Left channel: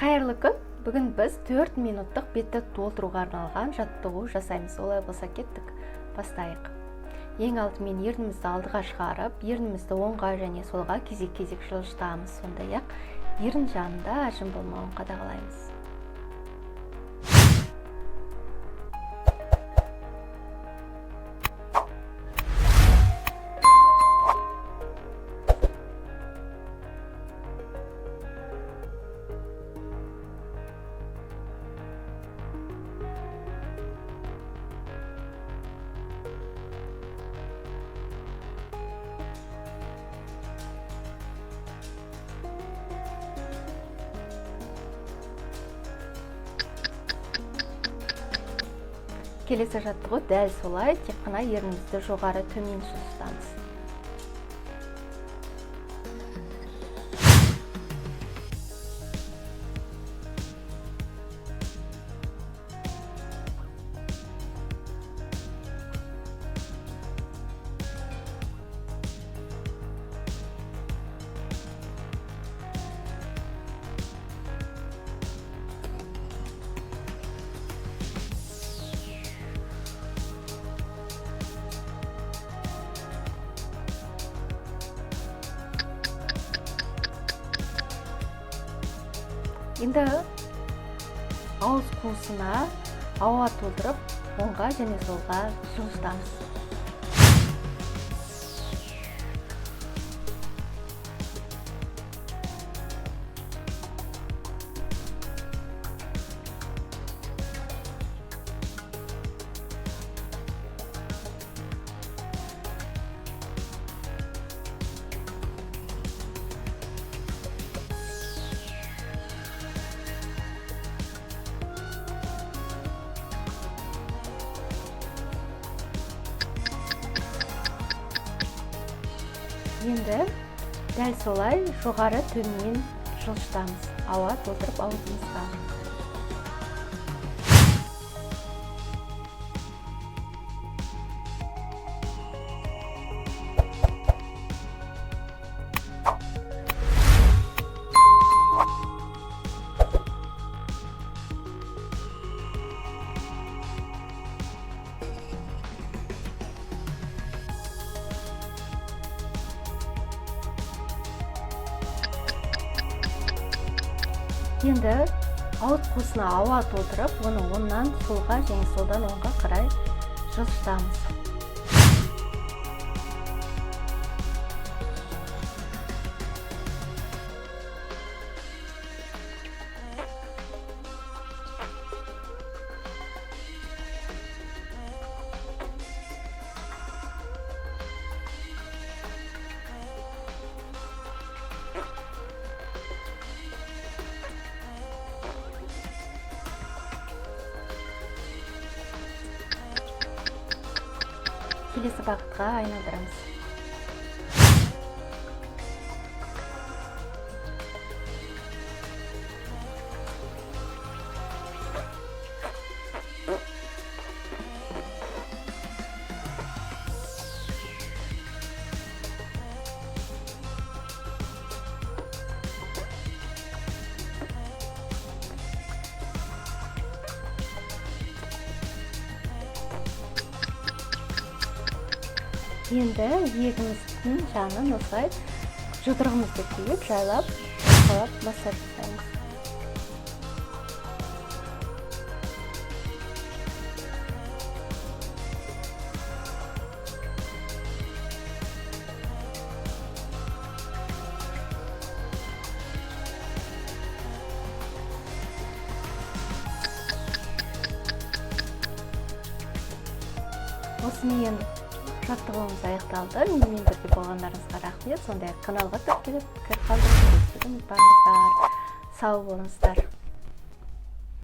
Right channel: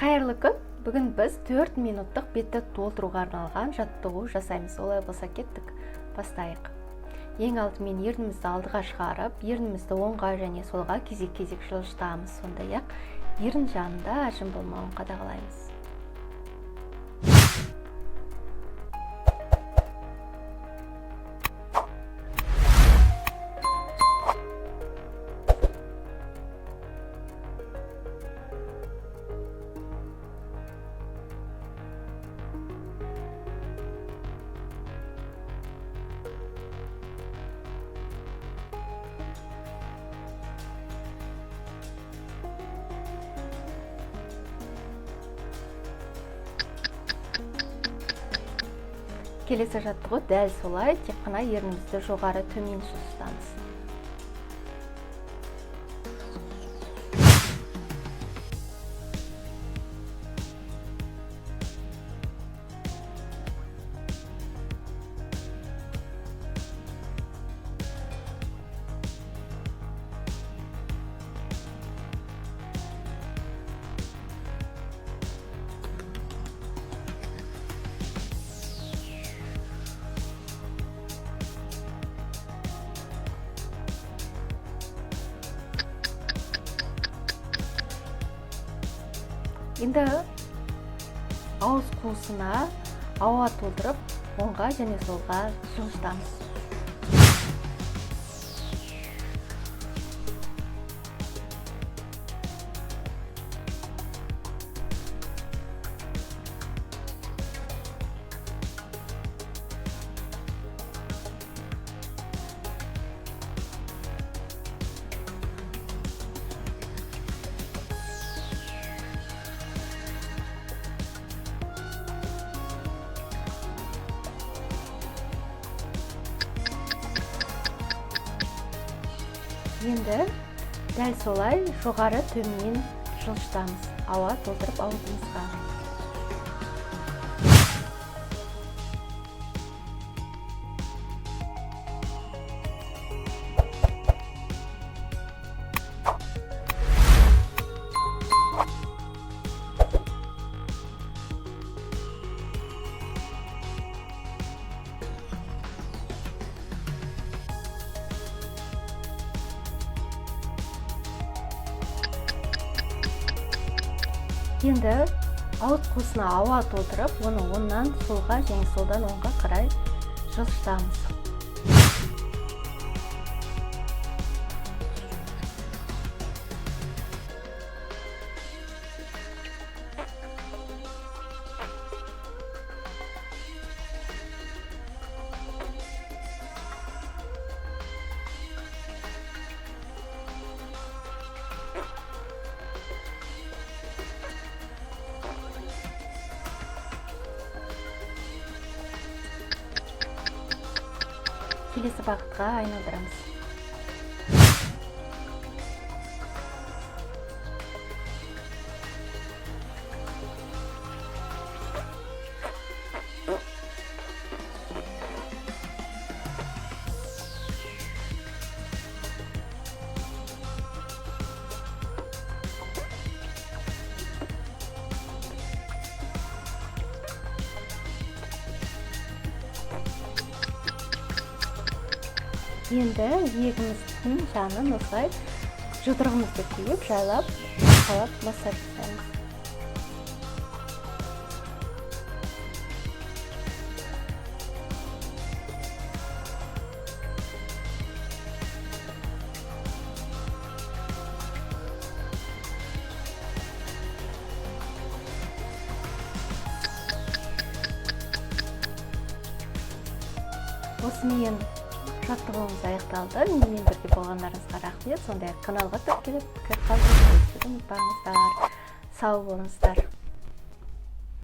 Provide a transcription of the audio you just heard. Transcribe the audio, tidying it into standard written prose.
Қайырлы күн. Бүгін біз 4 минуттық бетті толтыруға арналған жаттығу жасаймыз. Олай болса кеттік. Бастайық. Ең алдымен ернімізді алдыға шығарып, ернімізді оңға және солға кезек-кезек жылжытамыз. Сондай-ақ ерін жанында ажым болмауын қадағалаймыз. Келесі жаттығу дәл солай, тек қана ернімізді жоғары төмен жылжытамыз. Енді ауыз қуысына ауа толтырып, оңға және солға жылжытамыз. Енді дәл солай жоғары төмен жылжытамыз. Ауа толтырып аузымызға. Енді ауыз қуысына ауа толтырып, оны оңнан солға және солдан оңға қарай жылжытамыз. Келесі бағытқа айналдырамыз. Енді иегіміздің жанын осылай жұдырығымызды түйіп, жайлап, басқалап массаж жасаймыз. Осымен жаттығуымыз аяқталды. Менімен бірге болғандарыңызға рахмет. Сондай-ақ каналға тіркеліп пікір қалдырып, ұмытпаңыздар. Сау болыңыздар.